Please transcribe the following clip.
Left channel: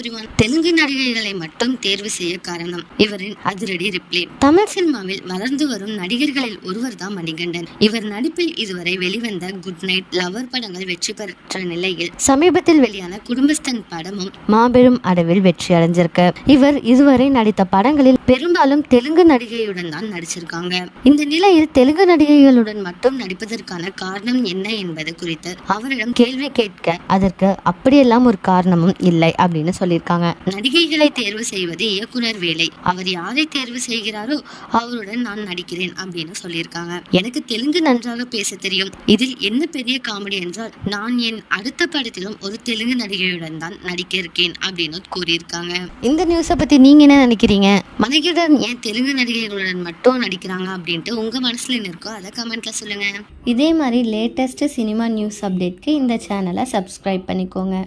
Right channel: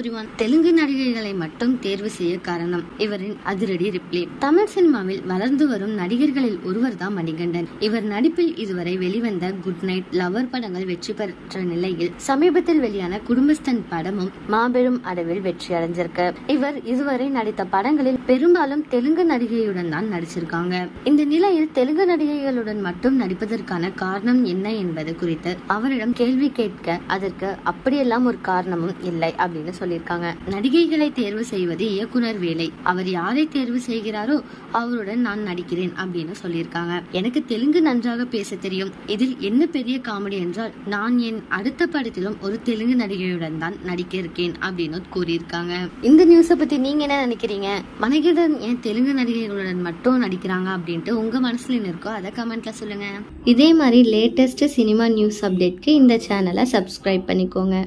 Everyone. Telugu நடிகைகளை மட்டும் தேர்வு செய்ய காரணம் இவரின் அதிரடி ரிப்ளே. தமிழ் சினிமாவில் வளர்ந்து வரும் நடிகர்களில் ஒருவர் தான் மணிகண்டன். இவர் நடிப்பில் இதுவரை வெளிவந்த குட் நைட், லவர் படங்கள் வெற்றி பெற்ற நிலையில் சமீபத்தில் வெளியான குடும்பஸ்தன் படமும் மாபெரும் அளவில் வெற்றி அடைஞ்சிருக்கு. இவர் இதுவரை நடித்த படங்களில் பெரும்பாலும் தெலுங்கு நடிகையுடன் தான் நடிச்சிருக்காங்க. இந்த நிலையில் தெலுங்கு நடிகைகளுடன் மட்டும் நடிப்பதற்கான காரணம் என்ன என்பது குறித்து அவரிடம் கேள்வி கேட்க அதற்கு அப்படியெல்லாம் ஒரு காரணமும் இல்லை அப்படின்னு சொல்லியிருக்காங்க. நடிகைகளை தேர்வு செய்வது இயக்குனர் வேலை. அவர் யாரை தேர்வு செய்கிறாரோ அவருடன் நான் நடிக்கிறேன் அப்படின்னு சொல்லியிருக்காங்க. எனக்கு தெலுங்கு நன்றாக பேச தெரியும். இதில் என்ன பெரிய காமெடி என்றால் நான் என் அடுத்த படத்திலும் ஒரு தெலுங்கு நடிகையுடன் தான் நடிக்க இருக்கேன் அப்படின்னு கூறியிருக்காங்க. இந்த நியூஸை பத்தி நீங்க என்ன நினைக்கிறீங்க? மணிகண்டன் ஏன் தெலுங்கு நடிகைகளுடன் மட்டும் நடிக்கிறாங்க அப்படின்ட்டு உங்க மனசுல என்ன இருக்கோ அதை கமெண்ட்ல சொல்லுங்க. இதே மாதிரி லேட்டஸ்ட் சினிமா நியூஸ் அப்டேட்க்கு இந்த சேனலை சப்ஸ்கிரைப் பண்ணிக்கோங்க.